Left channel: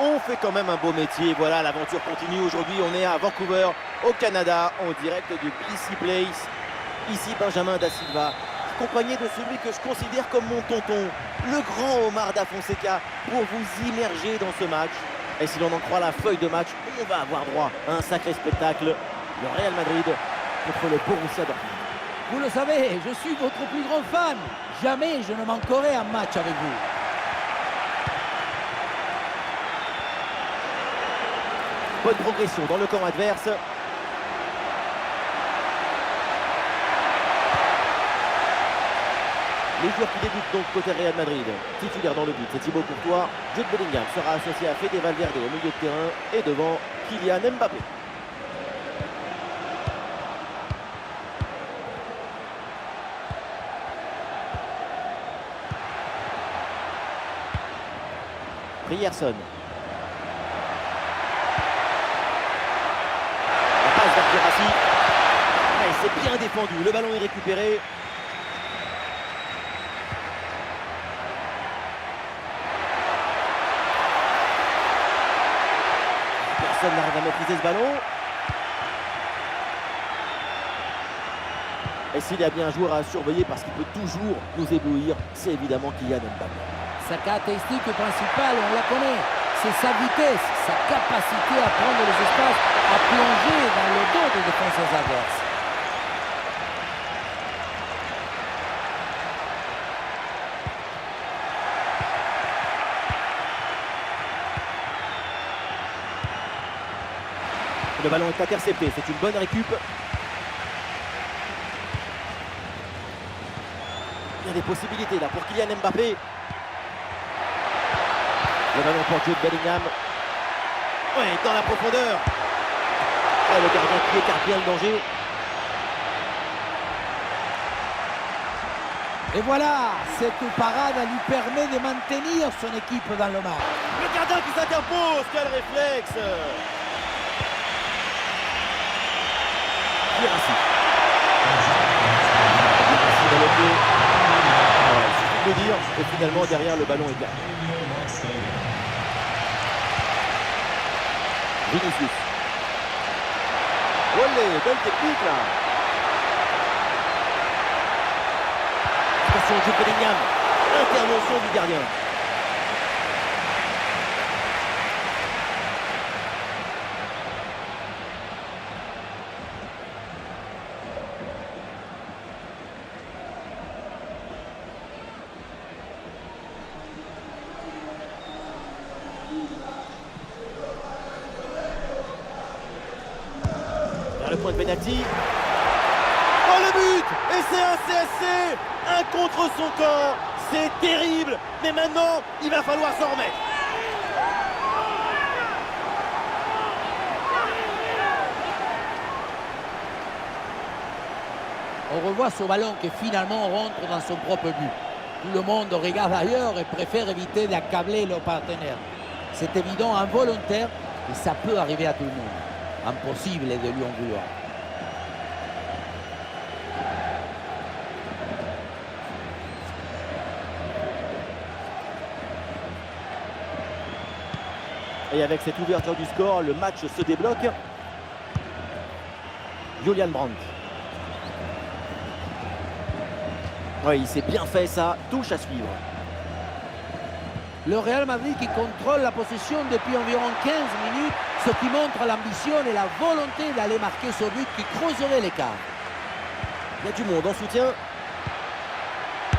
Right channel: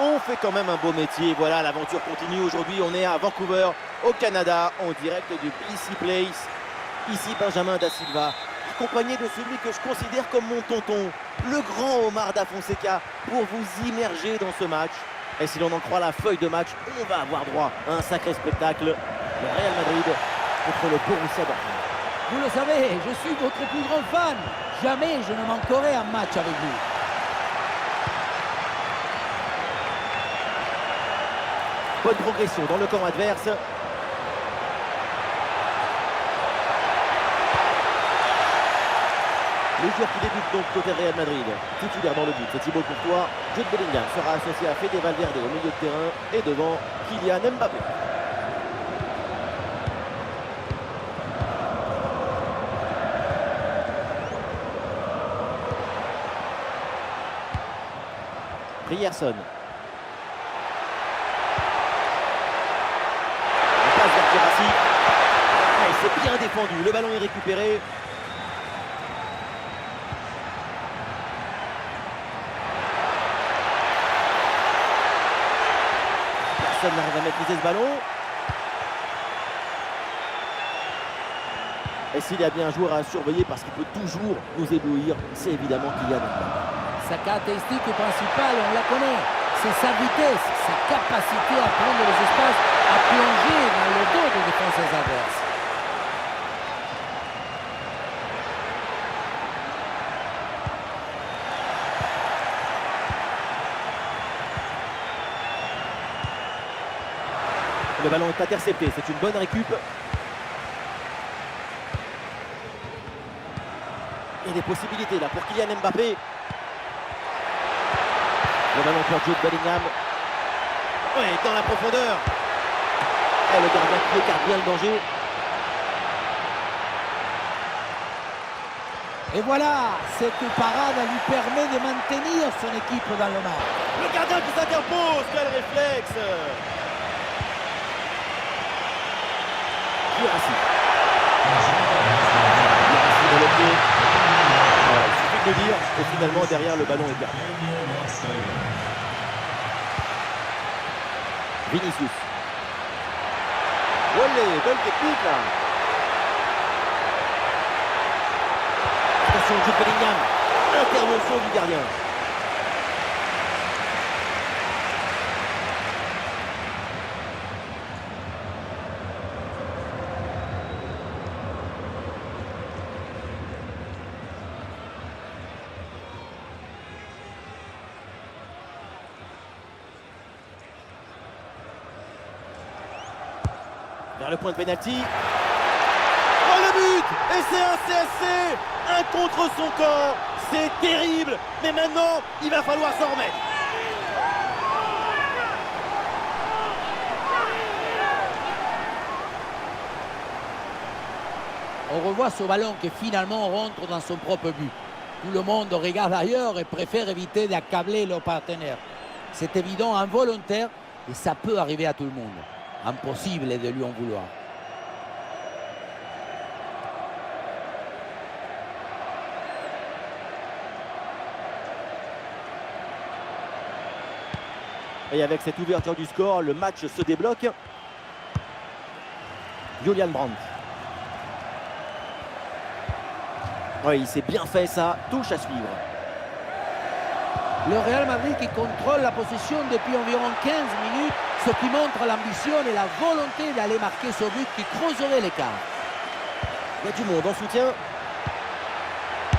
On fait quand même un beau métier. Voilà, l'aventure continue. Aujourd'hui, on est à Vancouver, au Canada, en direct du BC Place. Ici, Benjamin Da Silva, accompagné de celui que je considère comme mon tonton, le grand Omar Da Fonseca, pour vous immerger dans ce match. Et si l'on en croit la feuille de match, on va avoir droit à un sacré spectacle. Le Real Madrid contre le Borussia Dortmund. Vous le savez, je suis votre plus grand fan. Jamais je ne manquerai un match avec vous. Bonne progression dans le camp adverse. Les joueurs qui débutent donc côté Real Madrid. Titulaire dans le but, c'est Thibaut Courtois. Jude Bellingham sera associé à Fede Valverde au milieu de terrain. Et devant, Kylian Mbappé. Ryerson. La passe vers Guirassy. Ah, il s'est bien défendu. Le ballon est récupéré. Personne n'arrive à maîtriser ce ballon. Et s'il y a bien un joueur à surveiller parce qu'il peut toujours nous éblouir, c'est évidemment Kylian Mbappé. Sa caractéristique principale, on la connaît, c'est sa vitesse, sa capacité à prendre les espaces, à plonger dans le dos des défenseurs adverses. Le ballon est intercepté, c'est une bonne récup. Il y a des possibilités là pour Kylian Mbappé. Le ballon pour Jude Bellingham. Oui, dans la profondeur. Et le gardien qui écarte bien le danger. Et voilà, cette parade lui permet de maintenir son équipe dans le match. Le gardien qui s'interpose, quel réflexe! Guirassy. Guirassy dans le pied. Voilà, il suffit de le dire. Et finalement, derrière, le ballon est perdu. Vinicius. Olé, belle technique là. Attention, Jude Bellingham. Intervention du gardien. Vers le point de pénalty. Oh le but! Et c'est un CSC! Un contre son corps! C'est terrible! Mais maintenant, il va falloir s'en remettre. On revoit ce ballon qui finalement rentre dans son propre but. Tout le monde regarde ailleurs et préfère éviter d'accabler leur partenaire. C'est évident, involontaire, et ça peut arriver à tout le monde. Impossible de lui en vouloir. Et avec cette ouverture du score, le match se débloque. Julian Brandt. Oui, il s'est bien fait ça. Touche à suivre. Le Real Madrid qui contrôle la possession depuis environ 15 minutes, ce qui montre l'ambition et la volonté d'aller marquer ce but qui creuserait l'écart. Il y a du monde en soutien.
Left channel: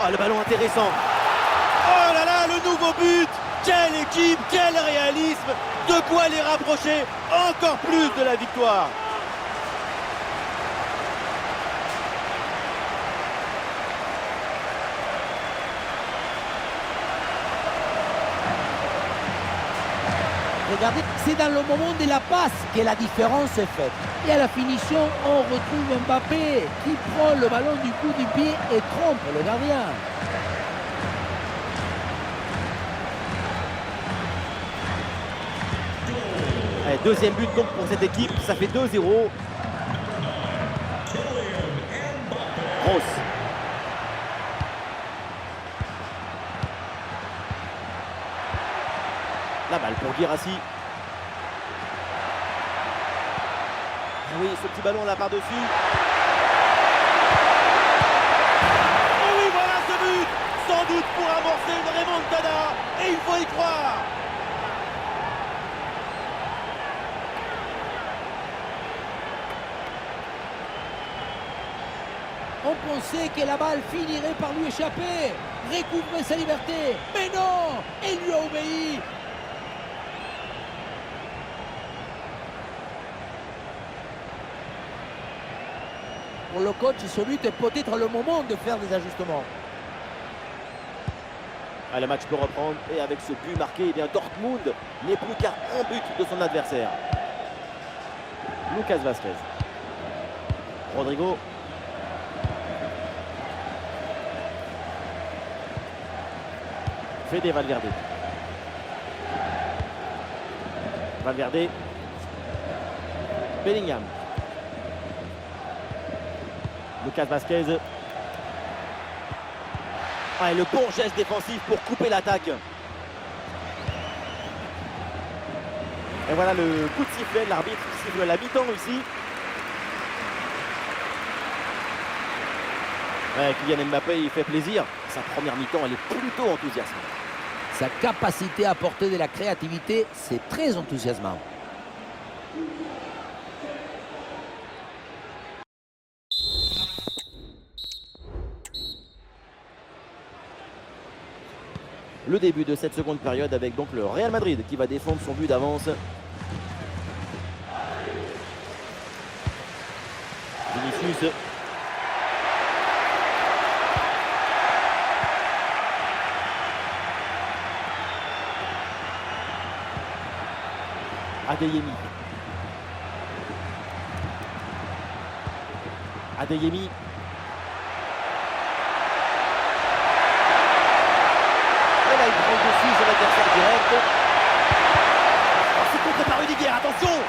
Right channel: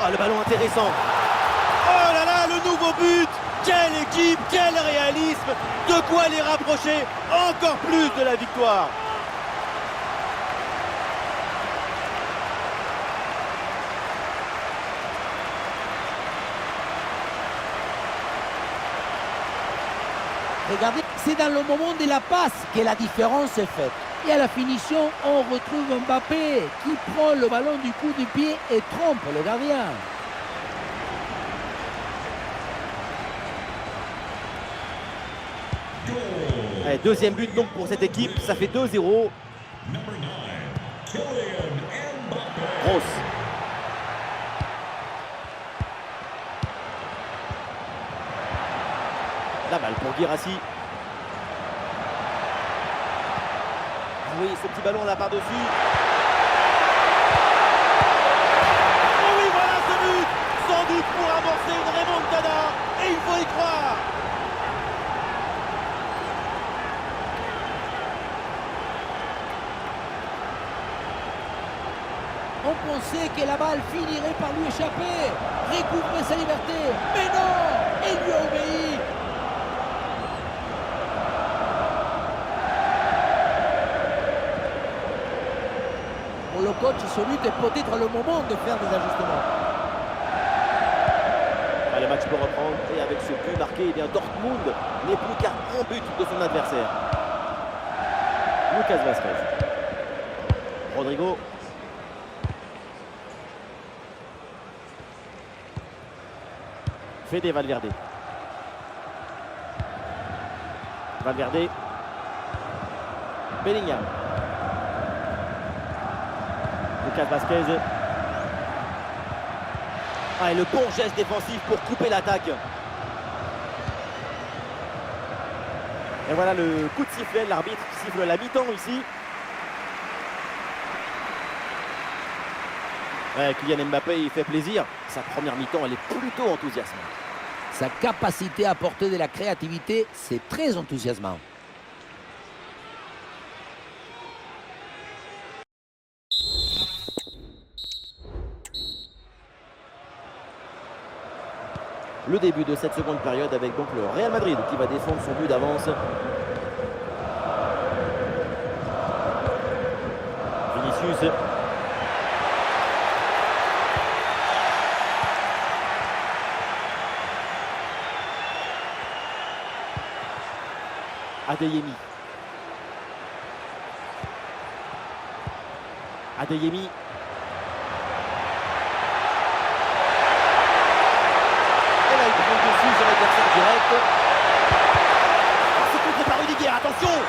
Oh, le ballon intéressant. Oh là là, le nouveau but. Quelle équipe, quel réalisme. De quoi les rapprocher encore plus de la victoire. Regardez, c'est dans le moment de la passe que la différence est faite. Et à la finition, on retrouve Mbappé qui prend le ballon du coup du pied et trompe le gardien. Allez, deuxième but donc pour cette équipe, ça fait 2-0. Grosse. La balle pour Guirassy. Ah oui, ce petit ballon là par-dessus. Et oui, voilà ce but. Sans doute pour amorcer une remontada. Et il faut y croire. On pensait que la balle finirait par lui échapper, recouvrer sa liberté. Mais non, il lui a obéi. Pour le coach, ce but est peut-être le moment de faire des ajustements. Ah, le match peut reprendre et avec ce but marqué, eh bien Dortmund n'est plus qu'à un but de son adversaire. Lucas Vázquez. Rodrigo. Fede Valverde. Valverde. Bellingham. Lucas Vázquez. Ah, et le bon geste défensif pour couper l'attaque. Et voilà le coup de sifflet, l'arbitre qui siffle la mi-temps ici. Ouais, Kylian Mbappé, il fait plaisir. Sa première mi-temps, elle est plutôt enthousiasmante. Sa capacité à apporter de la créativité, c'est très enthousiasmant. Le début de cette seconde période avec donc le Real Madrid qui va défendre son but d'avance. Vinicius. Adeyemi. Adeyemi. Et là, il prend le dessus sur l'adversaire direct. Oh, c'est contré par Rudiger, attention!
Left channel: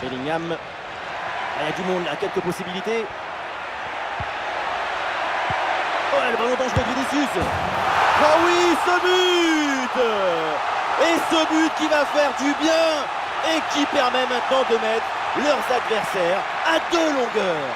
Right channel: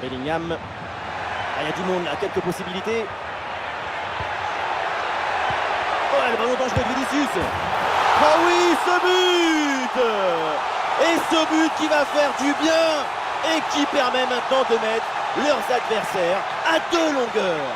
Bellingham. Ah, il y a du monde là, quelques possibilités. Oh, le ballon dangereux de Vinicius. Oh oui, ce but! Et ce but qui va faire du bien et qui permet maintenant de mettre leurs adversaires à 2 longueurs.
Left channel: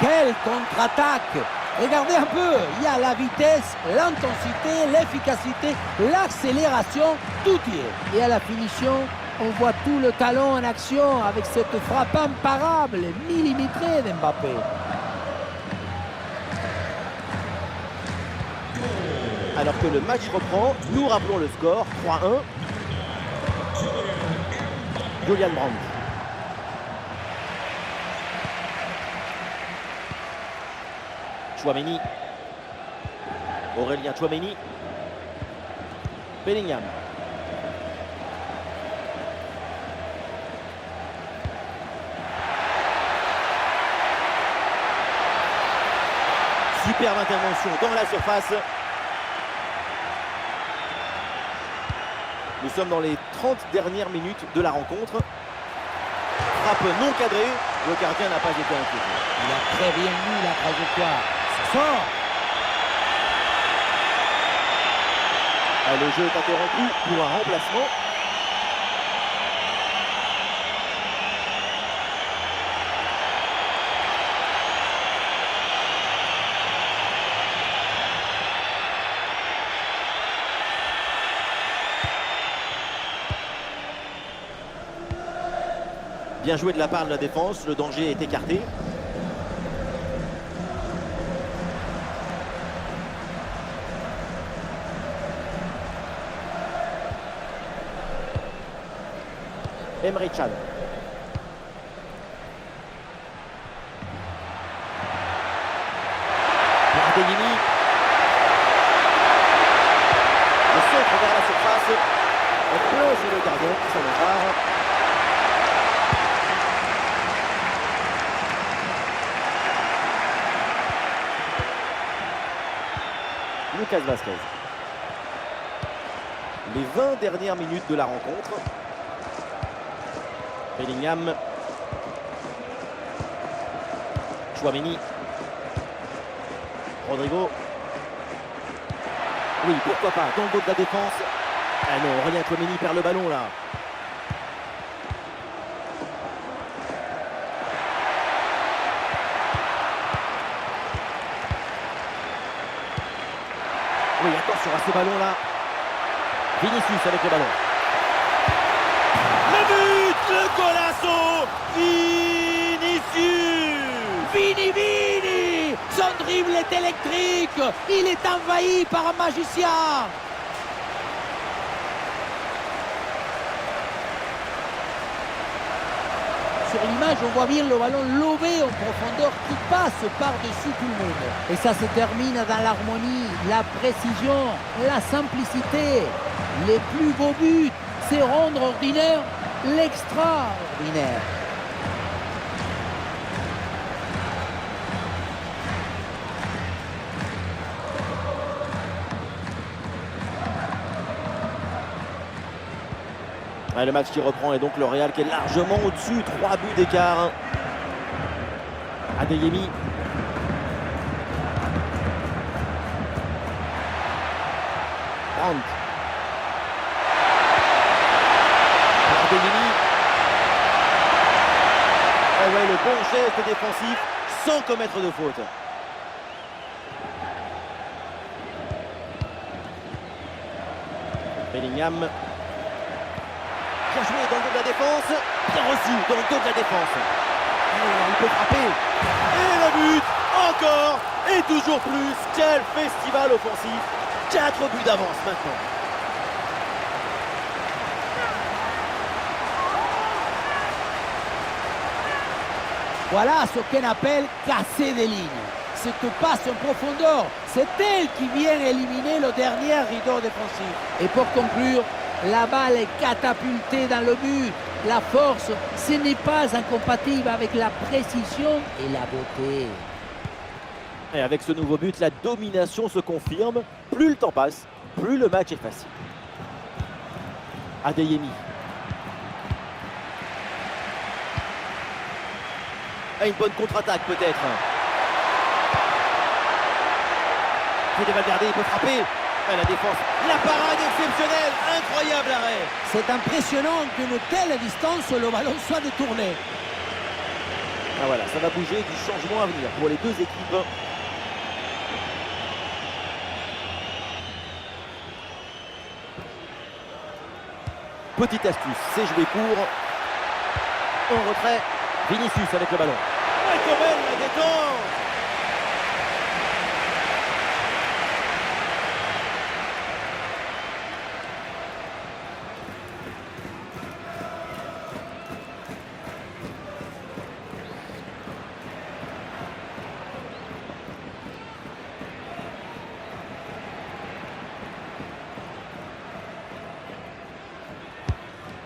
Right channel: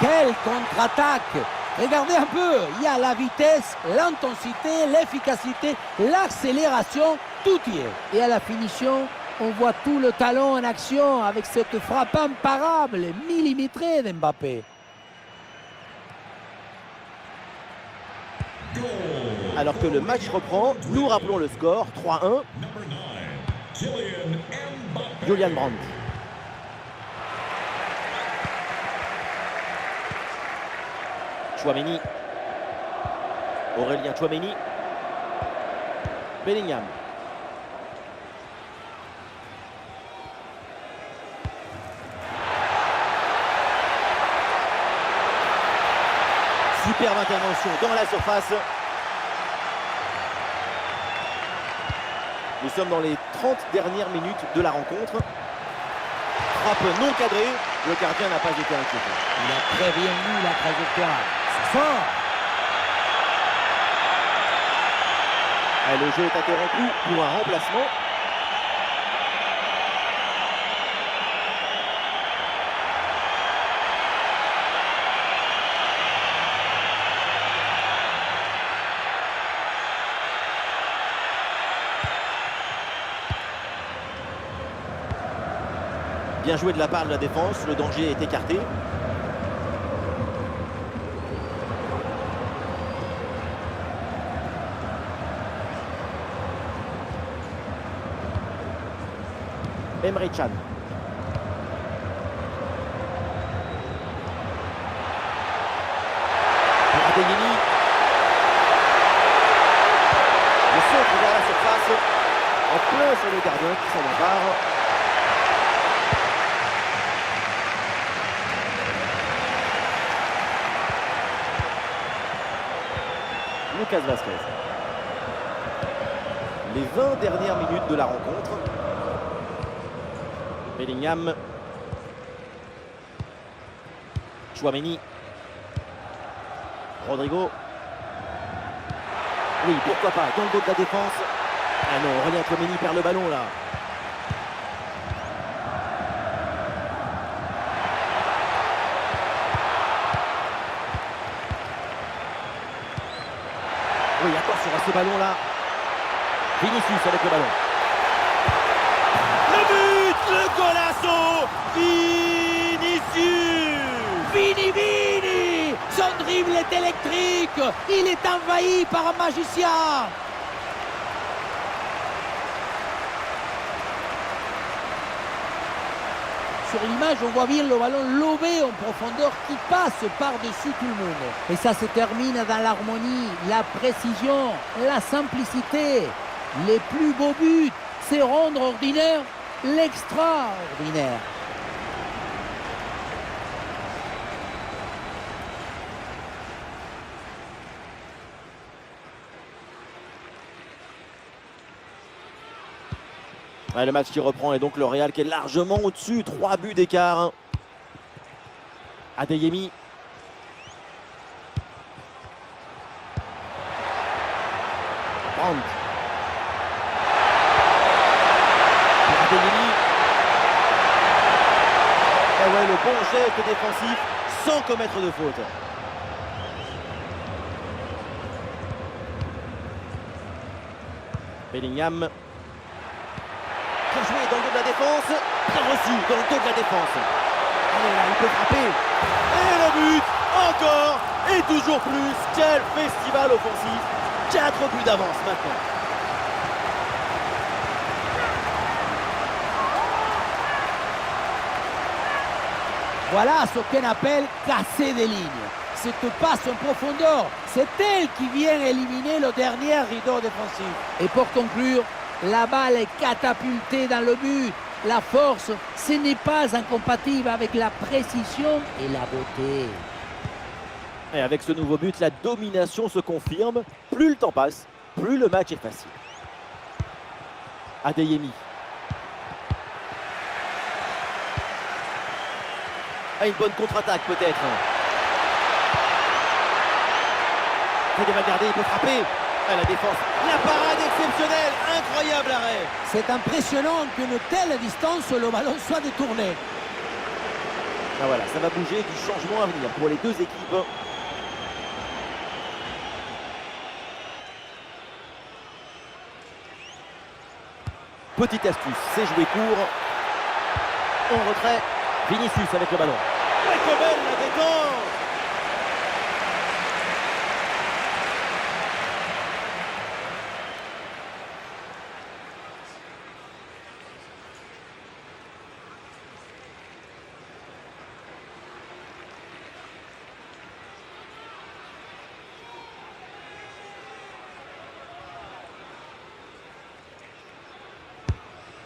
Quelle contre-attaque! Regardez un peu, il y a la vitesse, l'intensité, l'efficacité, l'accélération, tout y est. Et à la finition, on voit tout le talent en action avec cette frappe imparable, millimétrée d'Mbappé. Alors que le match reprend, nous rappelons le score, 3-1. Julian Brandt. Tchouaméni. Aurélien Tchouaméni. Bellingham. Superbe intervention dans la surface. Nous sommes dans les 30 dernières minutes de la rencontre. Frappe non cadrée, le gardien n'a pas été inquiété. Il a très bien lu la trajectoire. C'est fort. Et le jeu est interrompu pour un remplacement. Bien joué de la part de la défense, le danger est écarté. Emre Can. Pour Adeyemi. Le centre vers la surface. En plein sur le gardien qui s'en empare. Lucas Vázquez. Les 20 dernières minutes de la rencontre. Bellingham. Tchouaméni. Rodrigo. Oui, pourquoi pas, dans le dos de la défense. Ah non, Aurélien Tchouaméni perd le ballon là. Oui, attention à ce ballon là. Vinicius avec le ballon. Le but, le golasso, Vinicius. Vini! Son dribble est électrique. Il est envahi par un magicien. Sur l'image, on voit bien le ballon lobé en profondeur qui passe par-dessus tout le monde. Et ça se termine dans l'harmonie, la précision, la simplicité. Les plus beaux buts, c'est rendre ordinaire l'extraordinaire. Ouais, le match qui reprend et donc le Real qui est largement au-dessus, 3 buts d'écart. Adeyemi. Brandt. Pour Adeyemi. Et ouais, le bon geste défensif sans commettre de faute. Bellingham. Bien joué dans le dos de la défense. Bien reçu dans le dos de la défense. Allez là, il peut frapper. Et le but, encore et toujours plus. Quel festival offensif. 4 buts d'avance maintenant. Voilà ce qu'on appelle casser des lignes. Cette passe en profondeur, c'est elle qui vient éliminer le dernier rideau défensif. Et pour conclure, la balle est catapultée dans le but. La force, ce n'est pas incompatible avec la précision et la beauté. Et avec ce nouveau but, la domination se confirme. Plus le temps passe, plus le match est facile. Adeyemi. Ah, une bonne contre-attaque peut-être. Fede Valverde, il peut frapper. Ah, la défense, la parade exceptionnelle, incroyable arrêt. C'est impressionnant qu'une telle distance, le ballon soit détourné. Ah voilà, ça va bouger, du changement à venir pour les deux équipes. Petite astuce, c'est jouer court. En retrait, Vinicius avec le ballon. Ouais, comme elle, la détente.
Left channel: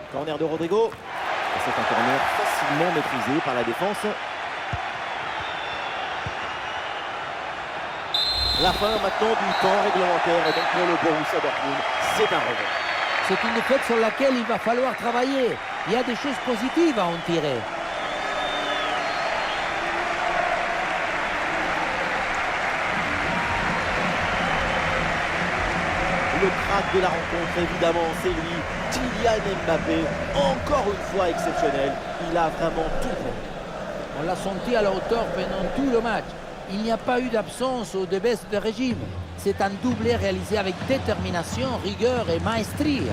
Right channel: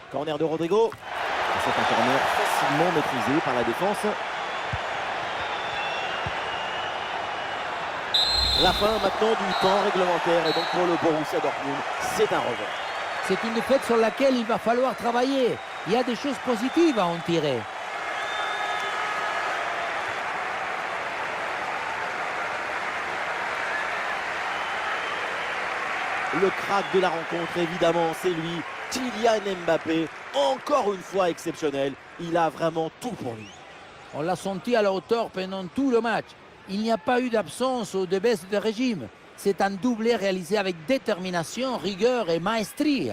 Corner de Rodrigo. C'est un corner facilement maîtrisé par la défense. La fin maintenant du temps réglementaire et donc pour le Borussia Dortmund, c'est un revers. C'est une défaite sur laquelle il va falloir travailler. Il y a des choses positives à en tirer. Le crack de la rencontre, évidemment, c'est lui, Kylian Mbappé, encore une fois exceptionnel. Il a vraiment tout pour lui. On l'a senti à la hauteur pendant tout le match. Il n'y a pas eu d'absence ou de baisse de régime. C'est un doublé réalisé avec détermination, rigueur et maestrie.